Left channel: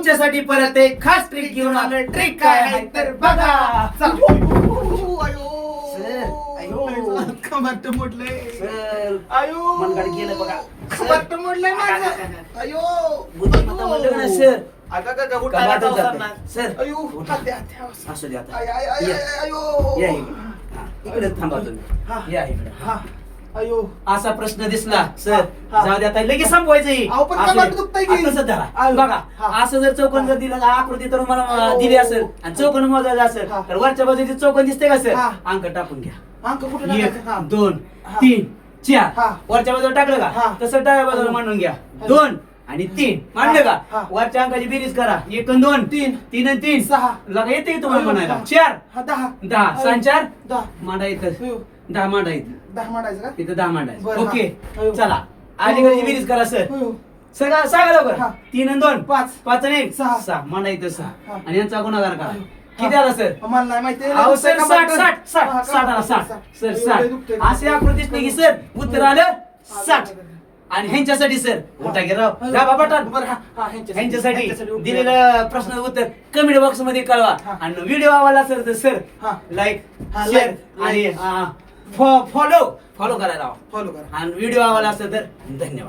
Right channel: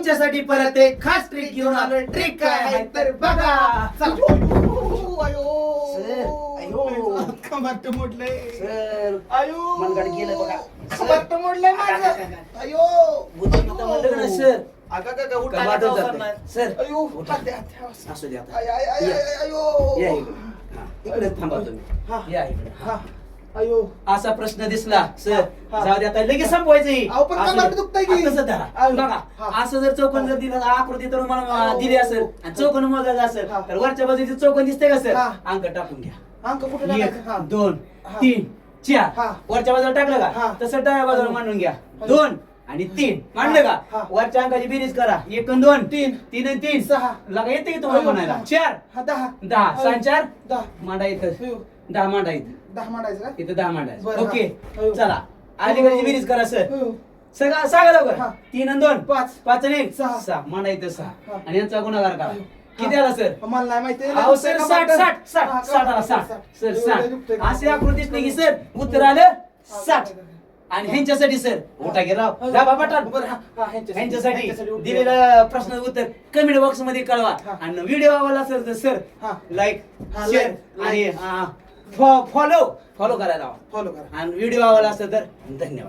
तुमच्यासाठी परत एक खास ट्रिक घेऊन आलोय. ट्रिक काय आहे तर बघा. चला. सर, अयो. कमाट मोडलंय. सर, अयो. मनगड गेलं बघा. कमाट मोडलंय माझं. अयो. बुद्धिमत्ता म्हणलं ना सर. अगं का कमाटच उठायला जातं. नाही. सर, अयो. उठा. हात द्या, हात द्या. असू द्या आता. आय, आय, आय, या. आय, अयो. या इकडे. हा, इकडे थांबा हा. तुम्ही. या इकडे. हा. अयो. असा प्रश्न दिसला सर, हा. जाऊ दे आता लगेच संपवायचं. अहो, पण कमाट दुखतंय की. तसं धरा. अयो. बघा हा. असं जर चौकोन जर दिलं आकृती तर मला अयो. दिली असेल आणि चौकोन मोजायचं असेल हा. तर वरच्या बाजूची चौकोन दिसते का सर? हा. अंक टाकून घ्या. अंक कुठे एक टाकायचं? हा. 2 हा. 3 4 हा. वरच्या बाजूला टाकलं हा. का तसं डाव्या बाजूला अयो. मांडून घ्या. अयो. 2 आणि 3 मांडलं हा. का वरच्या अंकाची बेरीज करा. 1 आणि 2 तीन. 3 आणि 3 6. लगा येते की तुम्हाला अयो. म्हणायला? हा. 4 हा, 10. 10 6 4 10. मांडा येतं. अयो. 10 मांडा येतं. 10 मांडायचं का? तिथं 10 मांडायचं. बरं, ओके हा. अयो. चला अलीकडची बेरीज करा सर. अयो. सगळं सांगा लवकर. हा. 3 आणि 2 5. 5 आणि 1 सहा. 6 मांडा येतं 6 हा. आणि यांचा गुणाकार करा. अयो. किती आला सर? मला नाही माहिती. अहो सर 60 आला 60 सर 60 असे आकृतीच नाही की सर उत्तर आलं 60 आणि ह्यांच्यासाठी सर मोठा घे राव गाभा पटाल ह्यांच्यासाठी दिलेलं प्रश्न उत्तर कमेंट बॉक्स मध्ये कळवा. हा. आणि व्हिडिओ आवडला सर तर सर हा. लाईक हा, शेअर like. आणि फॉलो करायला फॉलो करा. आणि व्हिडिओ आवडला असेल तर धन्यवाद.